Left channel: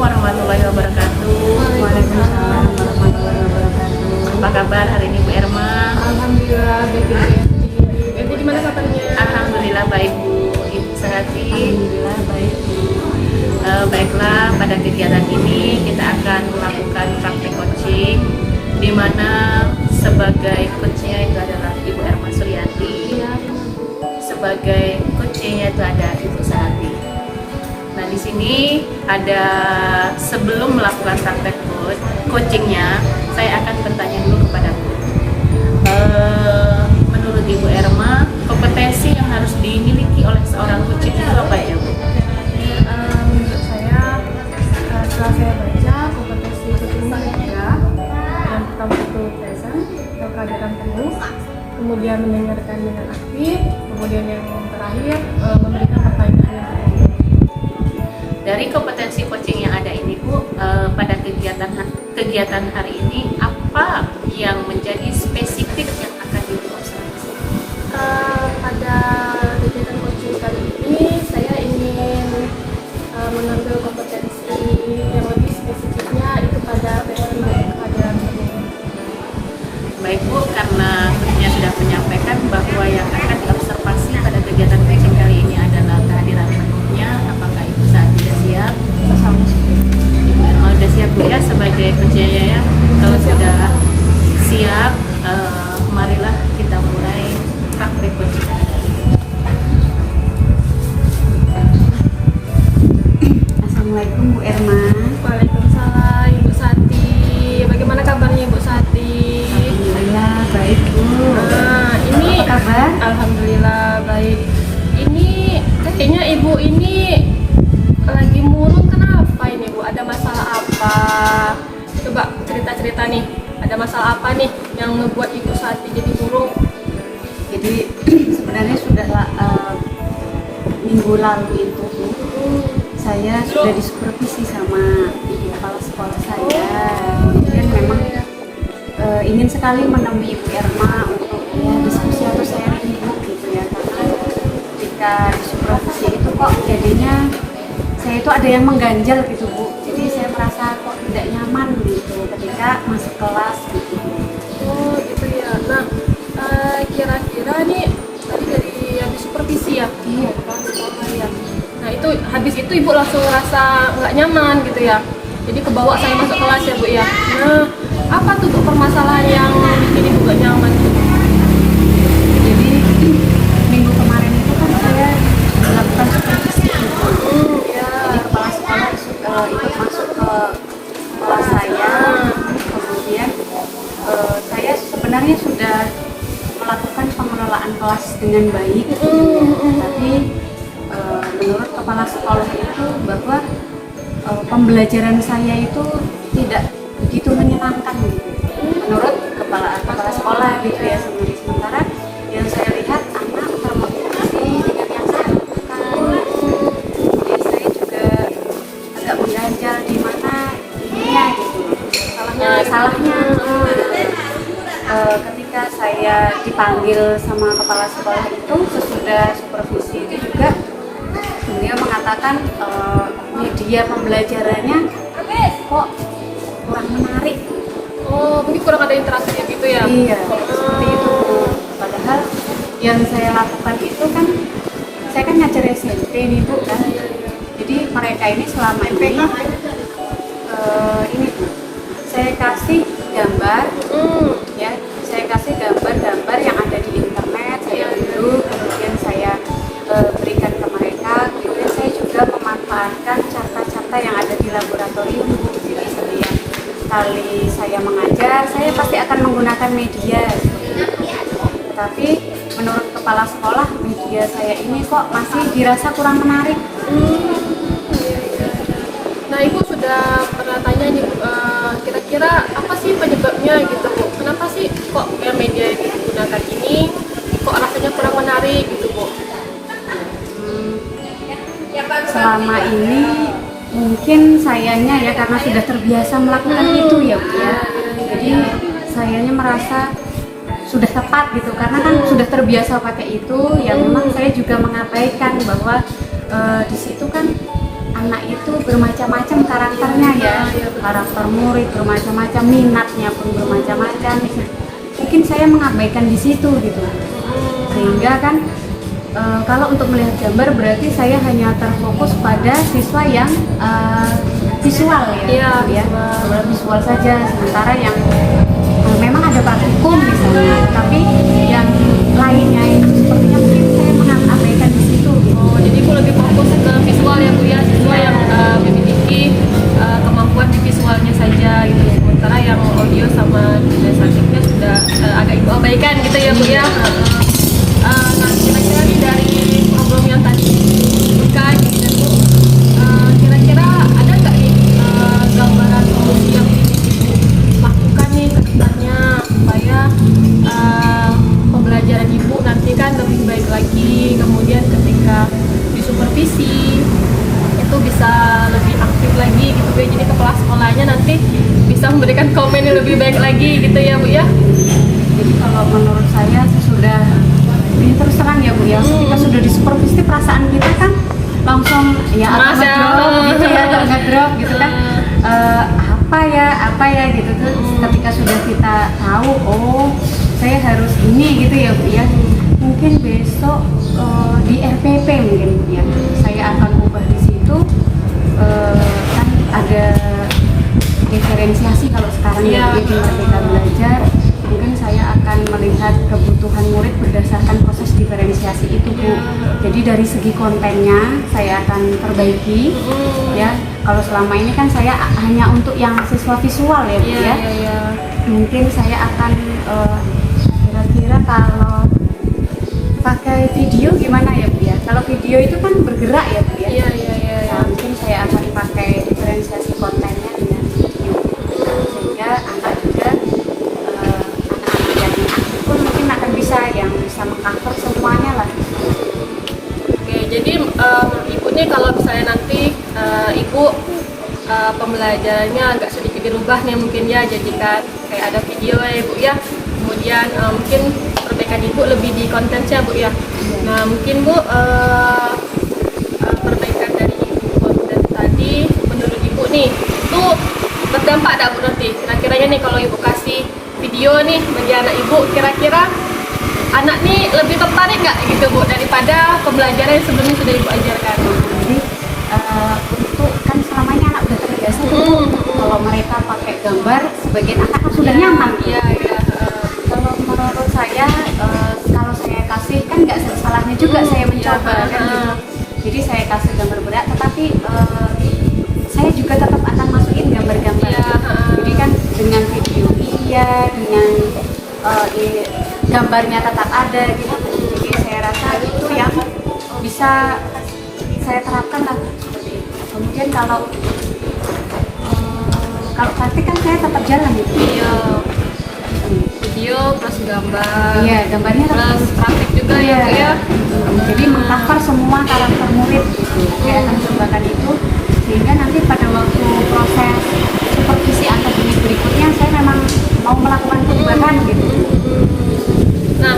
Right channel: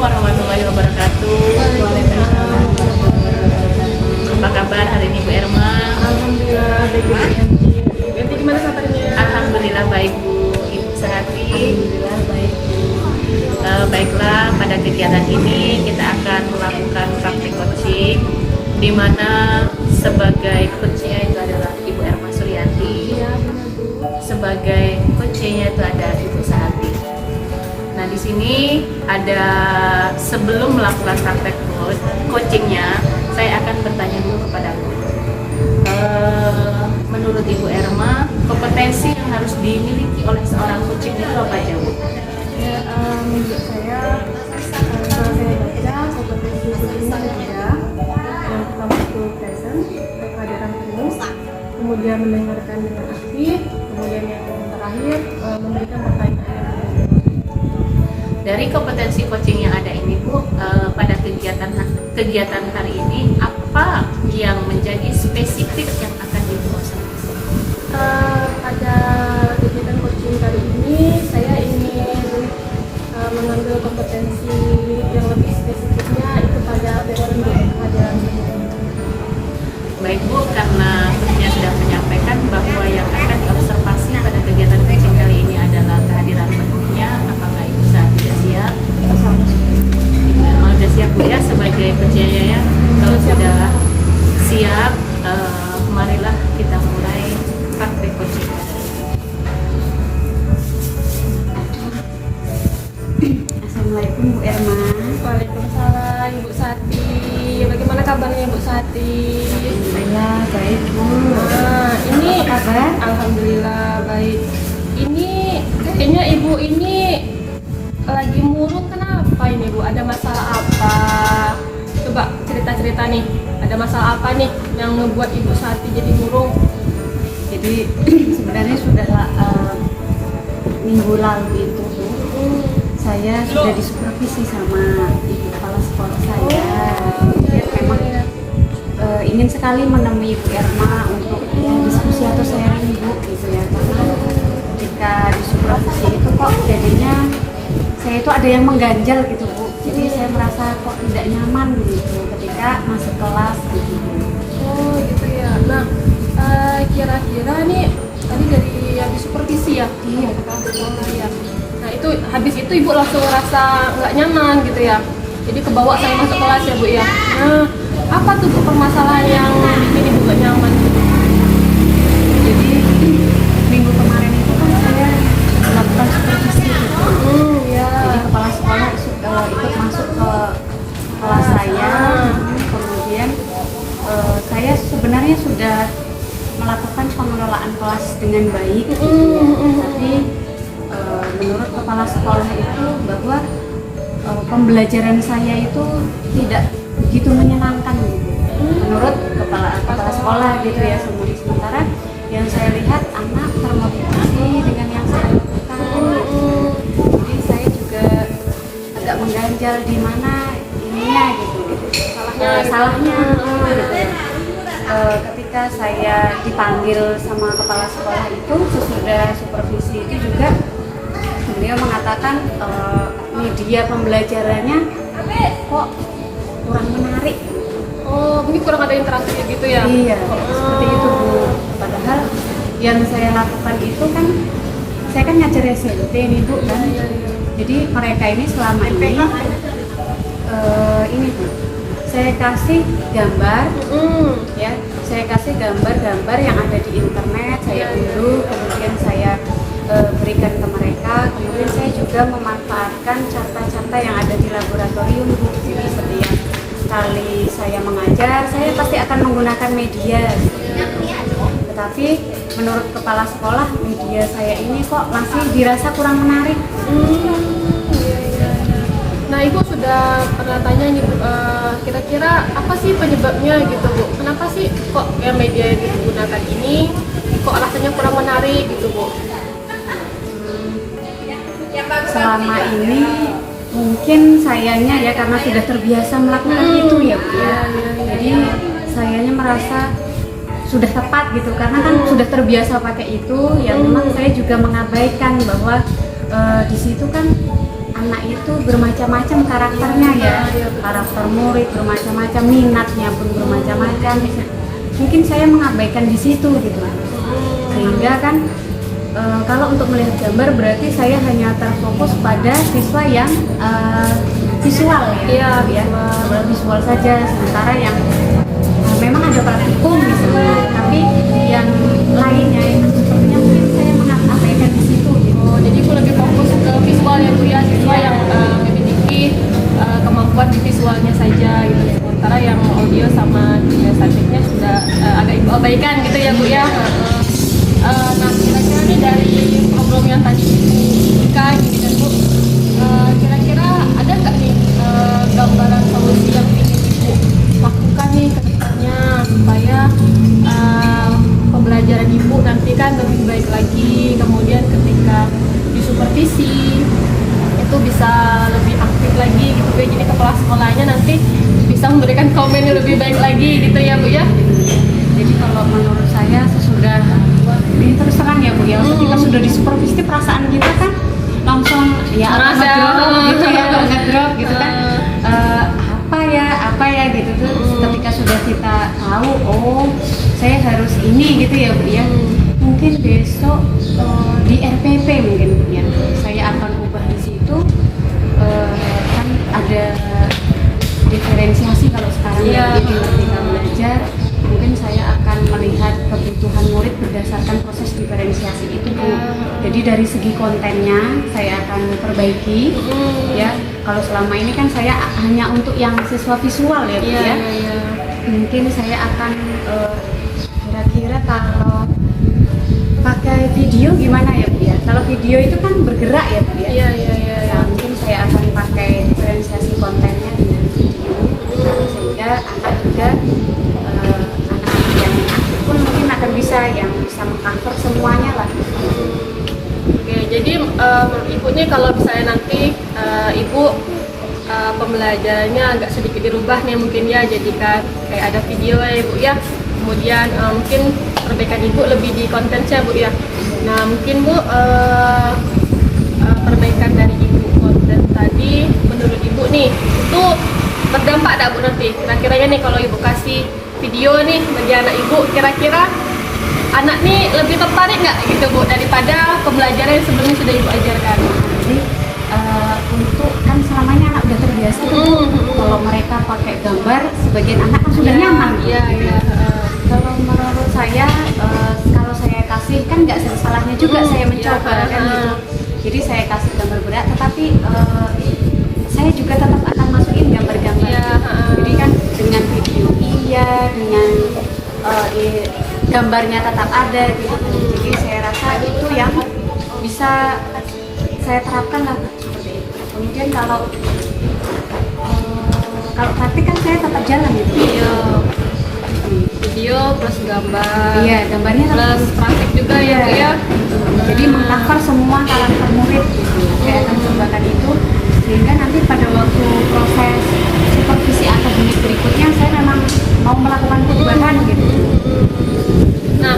warahmatullahi wabarakatuh. Waalaikumsalam warahmatullahi wabarakatuh. Apa kabar hari ini Bu Erma? Alhamdulillah baik Bu Yanti. Yanti gimana kabarnya? Alhamdulillah baik Bu. Ibu Sehati. Alhamdulillah baik Bu. Baiklah, pada kegiatan ini kita akan melakukan praktik coaching, di mana sebagai coachnya itu adalah Ibu Erma Suryanti. Iya benar Bu. Sebagai coachnya itu ada Ibu Sehati. Nah, di sini ada, sebelum melakukan praktek coachingnya, saya akan bertanya dulu kepada Bu. Menurut Ibu Erma, kompetensi yang harus dimiliki oleh seorang coaching itu apa aja, Bu? Ya, menurut saya setelah saya baca kompetensi coaching ada tiga. Yang pertama itu present atau kehadiran penuh, kemudian mendengarkan dengan aktif, kemudian yang terakhir memberikan pertanyaan yang benar. Dari kompetensi coaching yang ada ini, Bu, pada kegiatan hari ini, apa yang menjadi spesifik yang akan Ibu observasi? Pada kegiatan coaching kali ini, saya ingin mengambil kompetensi yang lebih spesifiknya itu pada present dan kehadiran penuh. Baik Bu, karena coachnya sudah menyampaikan bahwa yang akan diobservasi pada kegiatan coaching kali ini adalah kehadiran penuhnya, apakah Ibu saat sudah siap? Ibu Erma sudah siap Bu ya sebagai coachnya ya? Kalau sudah siap, marilah kita mulai praktik coaching hari ini. Assalamualaikum Bu Erma. Waalaikumsalam Ibu Sati. Bagaimana kabarnya Ibu Sati? Alhamdulillah baik Bu. Ini Apa kabar? Alhamdulillah baik. Ini kayaknya Ibu ini lagi murung, kenapa ini Bu? Ada masalah apa? Coba cerita-cerita nih. Ada masalah apa nih yang membuat Ibu Sati jadi murung? Jadi sebenarnya sudah minggu lalu itu Bu, saya sudah disupervisi sama ibu kepala sekolah saya. Dan memang ingin sekali menemui Ibu Erma untuk ya diskusi atau sharing Bu gitu ya. Tapi ketika disupervisi itu kok jadinya saya itu ada yang mengganjal gitu Bu. Jadi saya merasa kok tidak nyaman gitu ketika masuk kelas gitu Bu. Oh gitu ya. Nah kira-kira nih tadi dari yang disupervisi ya? Iya. Kepala sekolah ya. Nah itu habis itu Ibu langsung ngerasa nggak nyaman gitu ya. Jadi kebawa saya masuk kelas ya Bu ya. Nah apa tuh Bu permasalahan yang bikin Ibu gak nyaman tuh? Jadi minggu kemarin itu kan saya melakukan supervisi gitu. Ya. Kepala sekolah ikut masuk ke kelas saya. Kemudian saya sebenarnya sudah melakukan pengelolaan kelas dengan baik gitu. Tapi menurut kepala sekolah itu bahwa pembelajaran saya itu tidak begitu menyenangkan gitu. Menurut kepala sekolah gitu ya. Sementara yang saya lihat anak termotivasi dengan yang saya lakukan. Jadi saya juga agak mengganjal di mana ininya gitu. Salahnya ketika saya dipanggil sama kepala sekolah itu sesudah supervisi itu juga beliau mengatakan media pembelajarannya kok kurang menarik. Oh mungkin kurang ada interaksi gitu ya? Iya, seperti itu Bu. Padahal yang saya lakukan itu kan saya kan ngajar SMP nih Bu kan. Jadi mereka ini selama ini Bu, saya kasih gambar ya, saya kasih gambar-gambar yang ada di internet, saya unduh, kemudian saya berikan ke mereka. Kemudian saya juga memanfaatkan carta-carta yang ada di laboratorium Bu. Jadi setiap kali saya mengajar, saya pasti akan menggunakan media seperti itu. Tetapi menurut kepala sekolah, media saya ini kok masih dirasa kurang menarik. Nah Ibu sudah pernah tanya nih Bu, kira-kira apa sih penyebabnya gitu Bu? Kenapa sih kok yang media yang digunakan ini kok rasanya kurang menarik gitu Bu? Selama ini mungkin sayanya ya karena sudah terbiasa melakukan itu ya Bu ya. Jadi sayanya merasa sudah tepat gitu karena kan sudah terbiasa pakai itu ya. Memang saya juga mengabaikan bahwa di situ kan anak itu bermacam-macam karakternya ya, karakter murid bermacam-macam, minatnya pun bermacam-macam. Mungkin saya mengabaikan di situ gitu, sehingga kan kalau untuk melihat gambar berarti saya hanya terfokus pada siswa yang visual ya, visual saja. Sementara yang memang ada praktikum misalnya, tapi yang lainnya itu sepertinya mungkin saya mengabaikan di situ. Oh, jadi Bu lebih fokus ke visual ya Bu ya, siswa yang memiliki kemampuan visualnya saja gitu. Sementara yang audio sama kinestetiknya sudah agak Ibu abaikan gitu ya Bu ya. Nah, kira-kira nih dari program yang tadi buka gitu kan Bu, kira-kira ada nggak nih gambaran solusi yang Ibu lakukan nih ke depannya supaya pembelajaran Ibu nanti kan lebih baik lagi, kemudian ketika disupervisi itu bisa lebih aktif lagi gitu ya, jadi kepala sekolahnya nanti bisa memberikan komen yang lebih baik lagi gitu ya Bu ya. Jadi kalau menurut saya sesudah ini terus terang ya Bu ya, kita sudah disupervisi, perasaan kita kan langsung ya ngedrop gitu kan, apa ya gitu tuh. Ketika sudah kita tahu, oh saya harus ini gitu ya Bu ya, mungkin besok di RPP mungkin Bu ya, saya akan ubah di situ. Kan ada diferensiasi kalau sekarang ya, jadi ketika belajar mungkin saya akan melihat kebutuhan murid berdasarkan proses diferensiasi itu Bu. Jadi dari segi kontennya saya akan perbaiki ya. Kalau selama ini kan saya hanya untuk yang siswa visual ya Bu ya. Mungkin saya akan kira-kira kalau pakai video gimana ya Bu ya. Kalau video itu kan bergerak ya Bu ya. Nah, mungkin saya akan pakai diferensiasi kontennya dengan video sehingga anak juga pun mungkin akan bisa mengcover semuanya lah. Oke, jadi Ibu nih kalau misalnya nanti Ibu pembelajarannya agak sedikit dirubah nih mungkin ya, jadikan kayak ada video ya Ibu ya, kemudian mungkin perbaikan Ibu lebih di kontennya Bu ya. Nah mungkin Bu perbaikan dari Ibu konten tadi menurut Ibu nih itu berdampak tak Bu nanti? Kira-kiranya nih kalau Ibu kasih video nih bagi anak Ibu, kira-kira anak nih lebih tertarik nggak gitu Bu daripada pembelajaran yang sebelumnya sudah Ibu ajarkan? Jadi untuk kan selama ini anak udah terbiasa kalau mereka pakai gambar, sebagian anak kan sudah nyaman. Kalau menurut saya kalau saya kasih kan nggak salahnya juga saya mencoba kan gitu. Jadi saya kasih gambar berat, tetapi saya juga tetap akan masukin gambar-gambar. Jadi kan dengan video dengan gambarnya tetap ada gitu. Jadi saya rasa itu yang bisa saya terapkan lah seperti itu. Kemudian kalau praktik kan saya tetap jalan gitu. Video plus gambar. Iya, gambarnya plus praktik juga ya. Jadi mengcover semua karakter murid gitu ya. Saya akan cobakan itu sehingga nanti pada waktu proses supervisi akademik berikutnya saya memang mau melakukan perubahan gitu. Nah,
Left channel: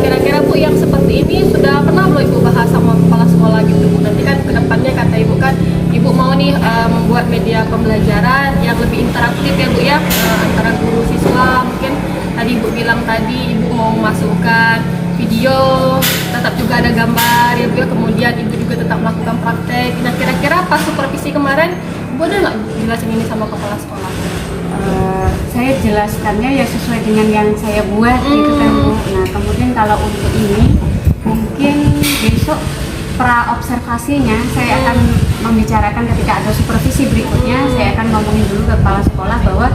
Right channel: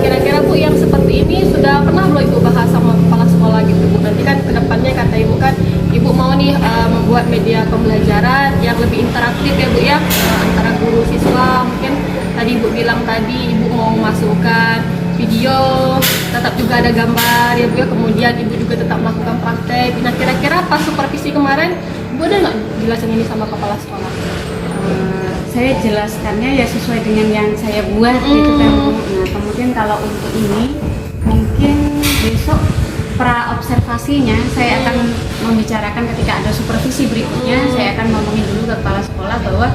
kira-kira Bu yang seperti ini sudah pernah belum Ibu bahas sama kepala sekolah gitu Bu? Nanti kan kedepannya kata Ibu kan Ibu mau nih membuat media pembelajaran yang lebih interaktif ya Bu ya, antara guru siswa. Mungkin tadi Ibu bilang tadi Ibu mau memasukkan video, tetap juga ada gambar ya Bu ya, kemudian Ibu juga tetap melakukan praktek. Nah kira-kira pas supervisi kemarin Ibu ada nggak jelasin ini sama kepala sekolah? Saya jelaskannya ya sesuai dengan yang saya buat gitu kan Bu. Nah kemudian kalau untuk ini mungkin besok pra observasinya saya akan membicarakan ketika ada supervisi berikutnya. Saya akan ngomongin dulu ke kepala sekolah bahwa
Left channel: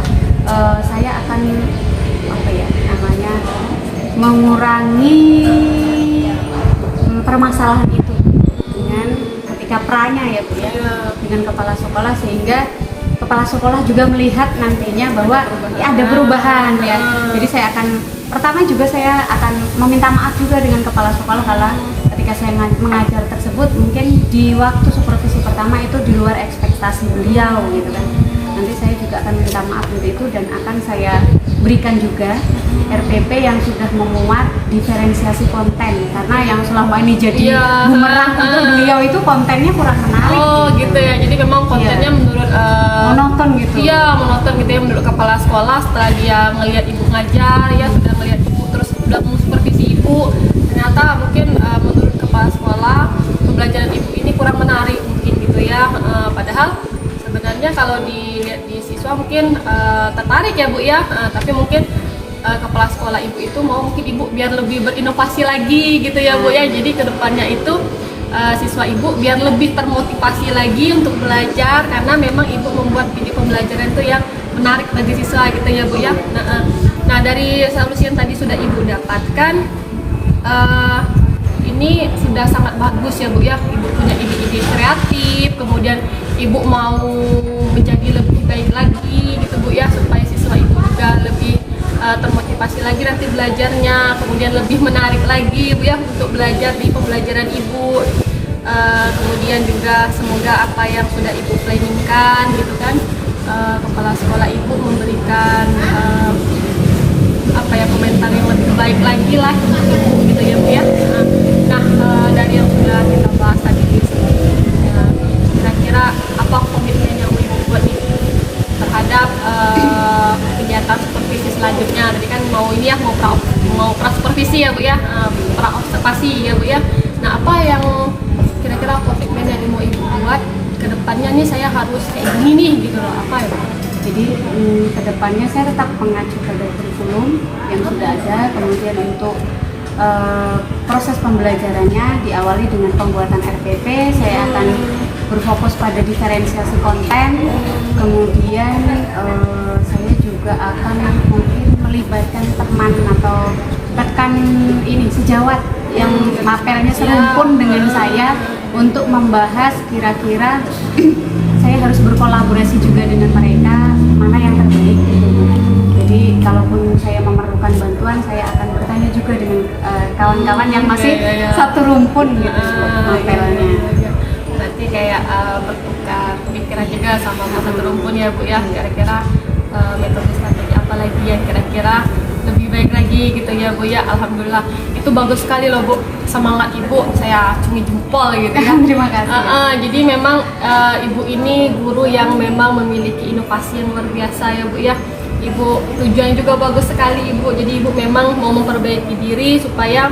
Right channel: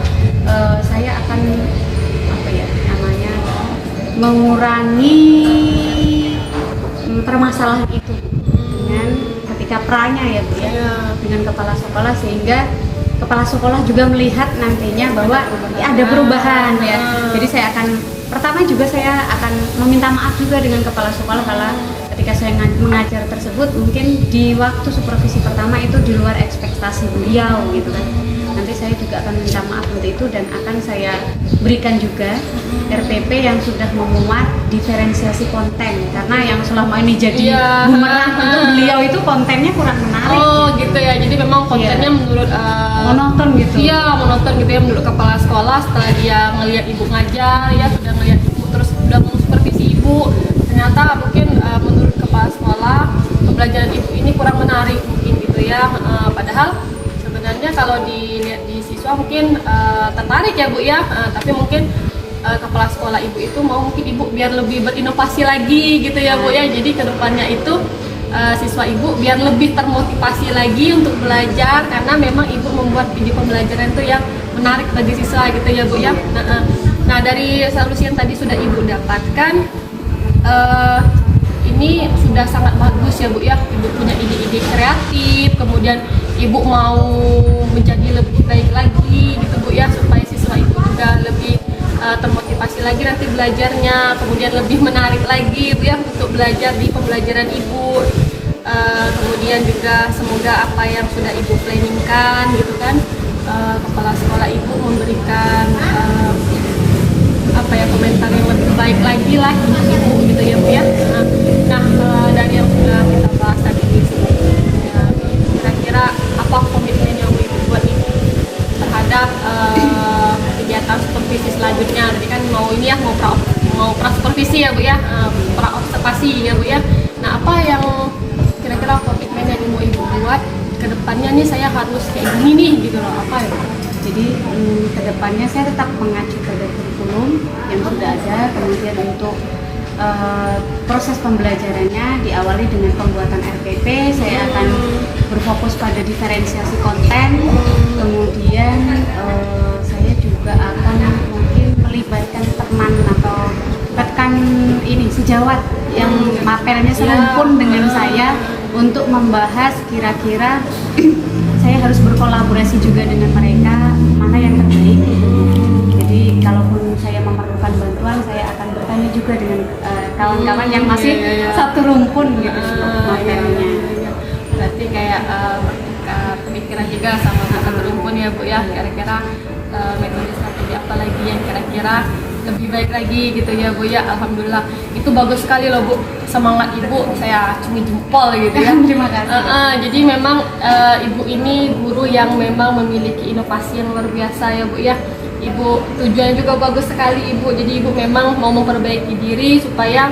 saya akan mengurangi permasalahan itu dengan ketika pranya ya Bu ya, dengan kepala sekolah, sehingga kepala sekolah juga melihat nantinya bahwa ada perubahan ya. Jadi saya akan pertama juga saya akan meminta maaf juga dengan kepala sekolah kalau ketika saya mengajar tersebut mungkin di waktu supervisi pertama itu di luar ekspektasi beliau gitu kan. Nanti saya juga juga akan minta maaf untuk itu dan akan saya berikan juga RPP yang sudah memuat diferensiasi konten, karena yang selama ini jadi bumerang untuk beliau itu kontennya kurang menarik. Oh gitu ya, jadi memang kontennya menurut monoton gitu. Iya, monoton gitu ya menurut kepala sekolah. Setelah dia ngelihat ibu ngajar ya, sudah ngelihat ibu terus sudah supervisi ibu, ternyata mungkin menurut kepala sekolah pembelajaran ibu ini kurang menarik mungkin gitu ya. Padahal sebenarnya kalau dilihat di siswa mungkin tertarik ya Bu ya, tapi mungkin kepala sekolah ibu itu mau mungkin ibu biar lebih berinovasi lagi gitu ya Bu ya. Jadi kedepannya itu siswa ibu biar lebih termotivasi lagi untuk belajar, karena memang ibu membuat video pembelajaran itu yang menarik bagi siswa gitu ya Bu ya. Nah dari solusi yang tadi sudah ibu dapatkan, ini sudah sangat bagus ya Bu ya. Ibu punya ide-ide kreatif, kemudian ibu mau menjadi lebih baik lagi gitu Bu ya, supaya siswa ibu juga lebih termotivasi lagi nanti belajarnya, kemudian lebih menarik lagi Bu ya untuk belajar di pembelajaran ibu. Kemudian juga semoga apa yang sudah ibu planningkan gitu kan, kepala sekolah ibu memberikan apa ya, komentar yang lebih baik lagi lah untuk ibu gitu ya Bu ya. Nah dari yang sudah kita bahas tadi sebelumnya, kira-kira apa komitmen yang ibu buat ibu terhadap kegiatan supervisi selanjutnya? Tadi kan mau ini ya, mau pra supervisi ya Bu ya, pra observasi ya Bu ya. Nah apa yang kira-kira komitmen yang mau ibu buat ke depannya nih, saya harus kayak gini nih gitu loh, apa ya Bu? Jadi kedepannya saya tetap mengacu pada kurikulum yang sudah ada, kemudian untuk proses pembelajarannya diawali dengan pembuatan RPP. Saya akan berfokus pada diferensiasi konten, kemudian saya juga akan mungkin melibatkan teman atau rekan ini sejawat yang mapelnya serumpun dengan saya untuk membahas kira-kira saya harus berkolaborasi juga dengan mereka mana yang terbaik gitu. Jadi kalaupun saya memerlukan bantuan, saya akan bertanya juga dengan kawan-kawan yang masih satu rumpun gitu mapelnya. Berarti kayak bertukar pikiran juga sama satu rumpun ya Bu ya, kira-kira metode strategi apa lagi yang kira-kira lebih baik lagi gitu ya Bu ya. Alhamdulillah itu bagus sekali loh Bu, semangat ibu saya acungi jempol gitu ya. Terima kasih. Jadi memang ibu ini guru yang memang memiliki inovasi yang luar biasa ya Bu ya. Ibu tujuannya juga bagus sekali ibu, jadi ibu memang mau memperbaiki diri supaya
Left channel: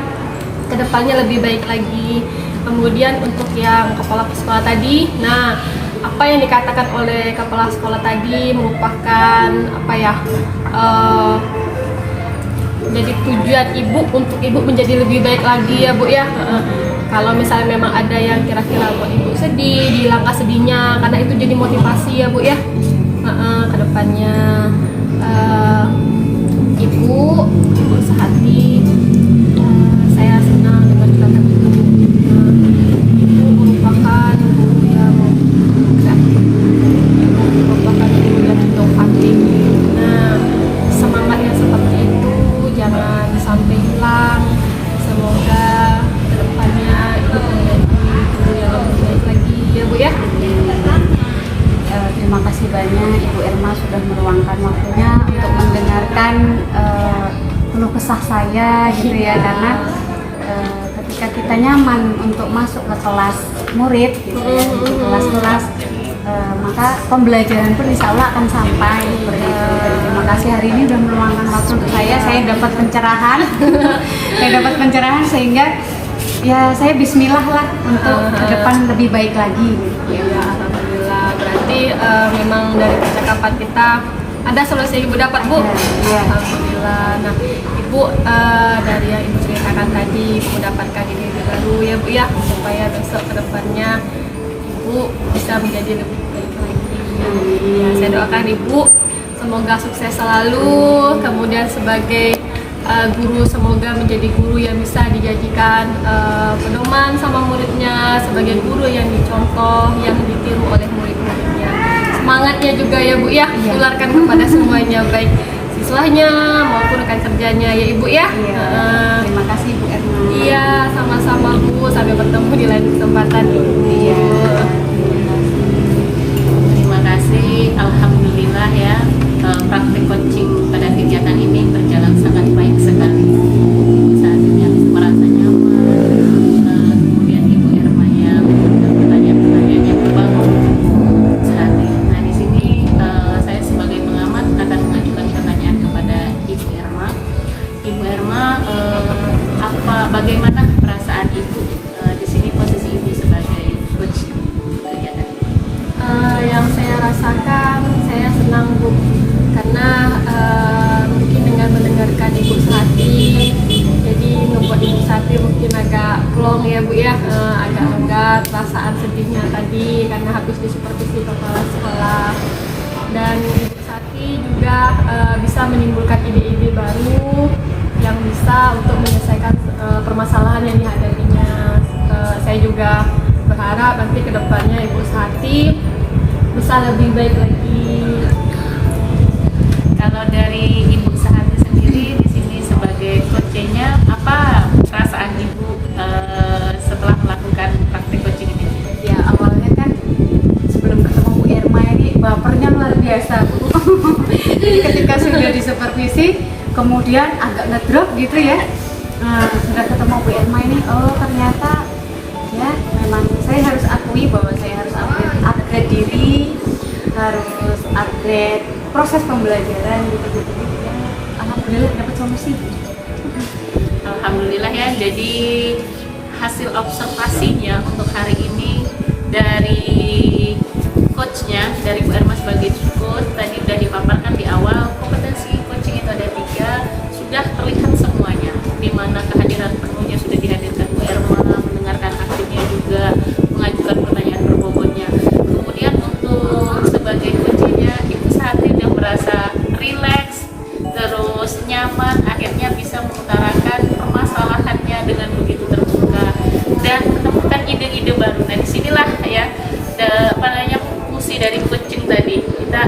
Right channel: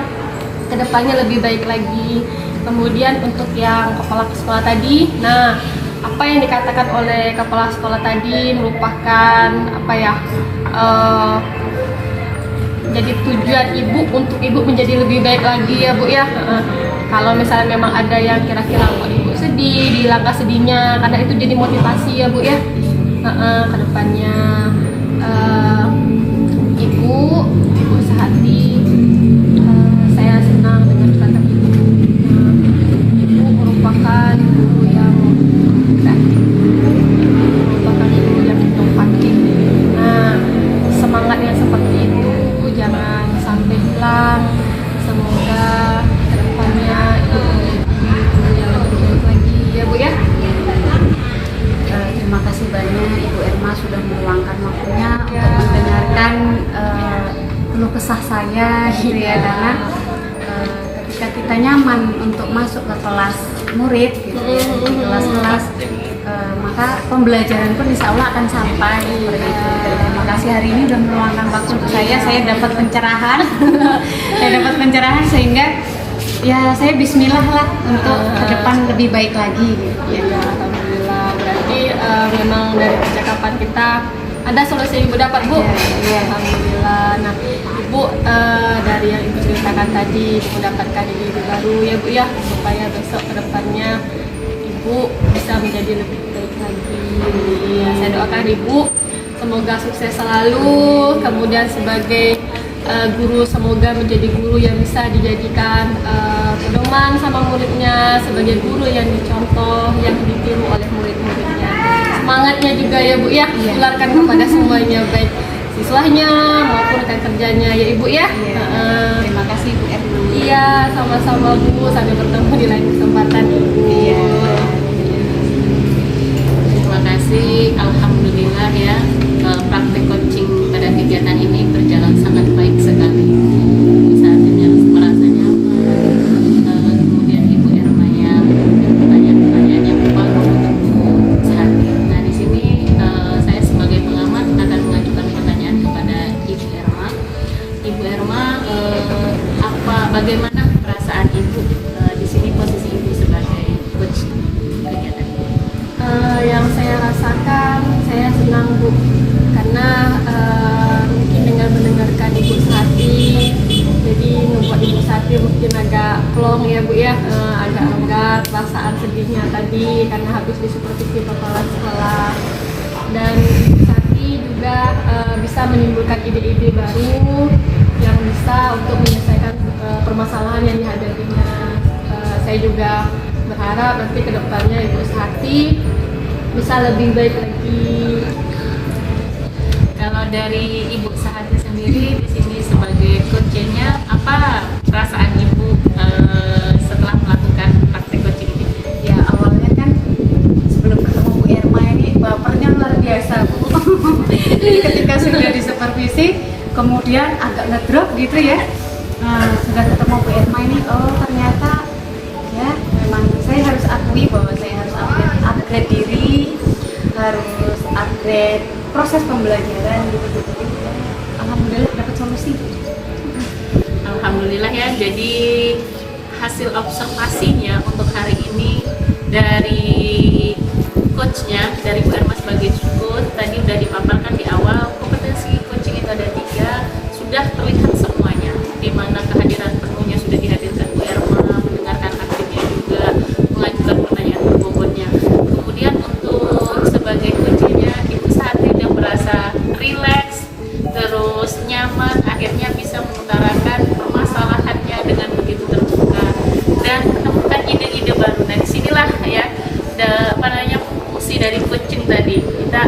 kedepannya lebih baik lagi. Kemudian untuk yang kepala sekolah tadi, nah apa yang dikatakan oleh kepala sekolah tadi merupakan apa ya, jadi tujuan ibu untuk ibu menjadi lebih baik lagi ya Bu ya. Kalau misalnya memang ada yang kira-kira buat ibu sedih, dihilangkan sedihnya, karena itu jadi motivasi ya Bu ya. Kedepannya ibu sehati, saya senang dengan kata ibu. Ibu merupakan guru yang kreatif, ibu merupakan guru yang inovatif. Nah, semangat yang seperti itu jangan sampai hilang. Semoga kedepannya ibu menjadi guru yang lebih baik lagi ya Bu ya. Terima kasih banyak Ibu Irma sudah meluangkan waktunya untuk mendengarkan keluh kesah saya gitu ya, karena ketika kita nyaman untuk masuk ke kelas murid gitu ya, di kelas-kelas maka pembelajaran pun insya Allah akan sampai seperti itu. Terima kasih hari ini sudah meluangkan waktu untuk saya dapat pencerahan saya dapat pencerahan sehingga ya saya bismillah lah untuk ke depan lebih baik lagi gitu. Ya, alhamdulillah. Berarti memang dari percakapan kita ada solusi ibu dapat Bu. Iya. Alhamdulillah. Nah ibu dari yang ibu ceritakan tadi, ibu mendapatkan ide baru ya Bu ya, supaya besok kedepannya ibu bisa menjadi lebih baik lagi. Ya, saya doakan ibu semoga sukses selalu, kemudian sebagai guru semoga menjadi guru yang bisa dijadikan pedoman sama muridnya, sebagai guru yang dicontoh, yang ditiru oleh murid-muridnya. Semangatnya juga ya Bu ya, tularkan kepada semuanya, baik siswanya maupun rekan kerjanya ya Ibu ya. Terima kasih Bu Irma. Iya, sama-sama Bu, sampai bertemu di lain kesempatan Ibu. Terima kasih. kasih. Alhamdulillah ya, praktek coaching pada kegiatan ini berjalan sangat baik sekali. Saat ini merasa nyaman. Kemudian Ibu Erma yang pertanyaan-pertanyaan yang membangun untuk sehati. Nah di sini saya sebagai pengamat akan mengajukan pertanyaan kepada Ibu Erma. Ibu Erma, bagaimana perasaan Ibu di sini, posisi Ibu sebagai coach kegiatan? Yang saya rasakan, saya senang Bu, karena mungkin dengan mendengarkan Ibu Sehati, jadi membuat Ibu Sehati mungkin agak plong ya Bu ya, agak lega perasaan sedihnya tadi karena habis disupervisi kepala sekolah. Dan Ibu Sehati juga bisa menimbulkan ide-ide baru yang bisa untuk menyelesaikan permasalahan yang dihadapinya. Saya juga berharap nanti ke depannya Ibu Sehati bisa lebih baik lagi. Kalau dari Ibu Sehati sendiri di sini sebagai coachnya, apa perasaan Ibu setelah melakukan praktek coaching ini? Ya awalnya kan sebelum ketemu Bu Erma ini bapernya luar biasa Bu. Ketika sudah disupervisi kemudian agak ngedrop gitu ya. Nah, sudah ketemu Bu Erma ini, oh ternyata ya memang saya harus akui bahwa saya harus upgrade diri, harus upgrade proses pembelajaran gitu-gitu ya. Alhamdulillah dapat solusi. Alhamdulillah ya, jadi hasil observasinya untuk hari ini dari coachnya, dari Bu Erma sebagai coach, tadi sudah dipaparkan di awal, kompetensi coaching itu ada 3, sudah terlihat semuanya, di mana kehadiran penuhnya sudah dihadirkan Bu Erma, mendengarkan aktifnya juga, mengajukan pertanyaan berbobotnya. Kemudian untuk sebagai coachnya, Ibu Sehati sudah merasa rileks, terus nyaman, akhirnya bisa mengutarakan permasalahannya dengan begitu terbuka dan menemukan ide-ide baru. Nah disinilah ya, fungsi dari coaching tadi, kita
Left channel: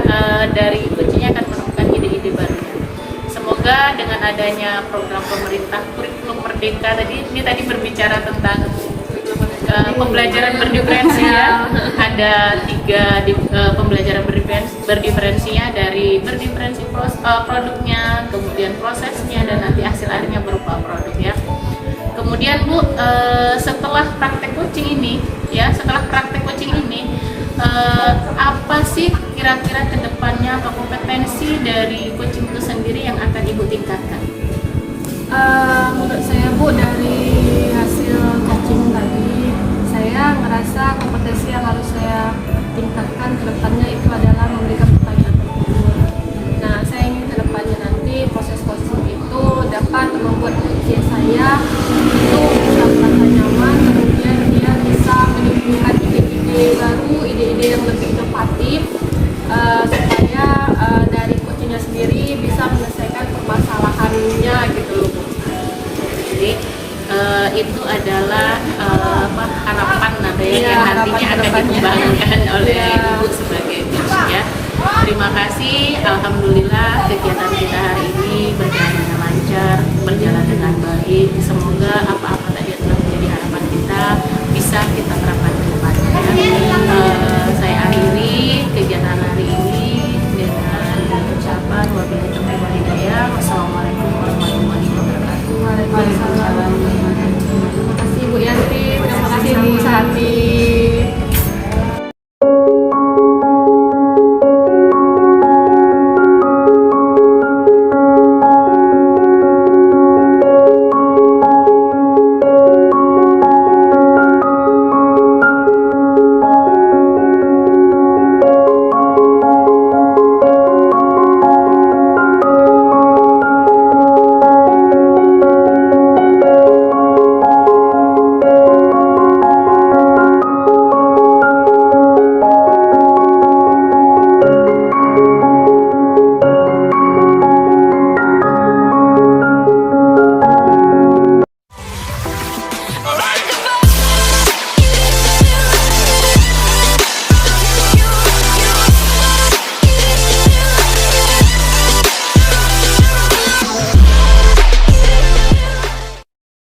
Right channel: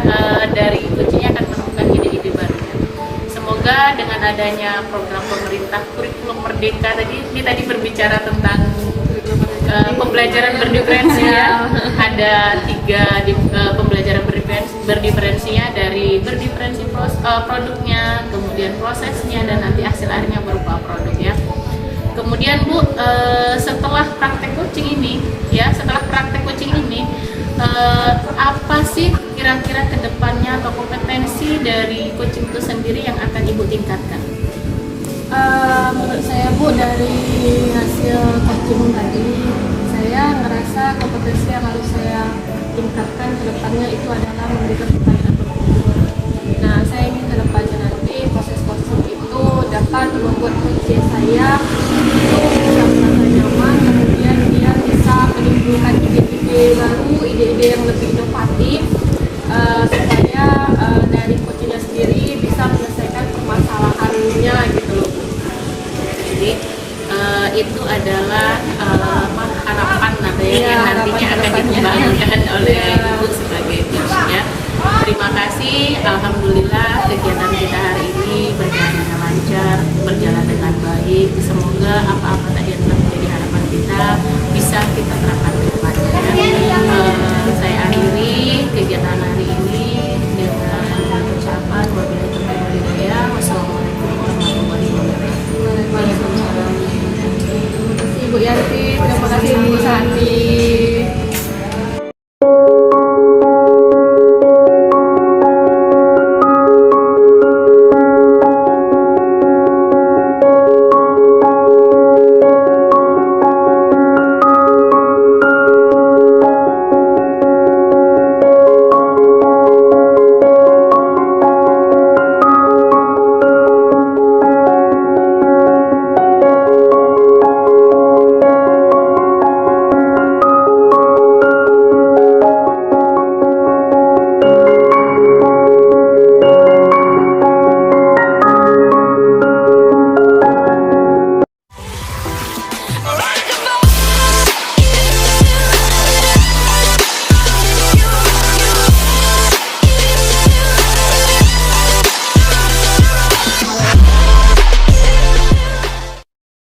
dari coachingnya akan menemukan ide-ide barunya. Semoga dengan adanya program pemerintah kurikulum merdeka ini tadi berbicara tentang pembelajaran berdiferensi ya, ada 3 pembelajaran berdiferensinya, dari berdiferensi produknya, kemudian prosesnya, dan nanti hasil akhirnya berupa produk ya. Kemudian Bu, setelah praktek coaching ini apa sih kira-kira kedepannya atau kompetensi dari coaching itu sendiri yang akan Ibu tingkatkan? Menurut saya Bu, dari hasil coaching tadi, saya ngerasa kompetensi yang harus saya tingkatkan ke depannya itu adalah memberikan pertanyaan bertutur. Nah, saya ingin ke depannya nanti proses coaching itu dapat membuat coach saya itu bisa merasa nyaman, kemudian dia bisa menimbulkan ide-ide baru, ide-ide yang lebih inovatif, supaya dari coachnya sendiri bisa menyelesaikan permasalahannya gitu loh Bu. Jadi itu adalah harapan yang nantinya akan dikembangkan oleh Ibu sebagai coach ya. Terima kasih, alhamdulillah kegiatan kita hari ini berjalan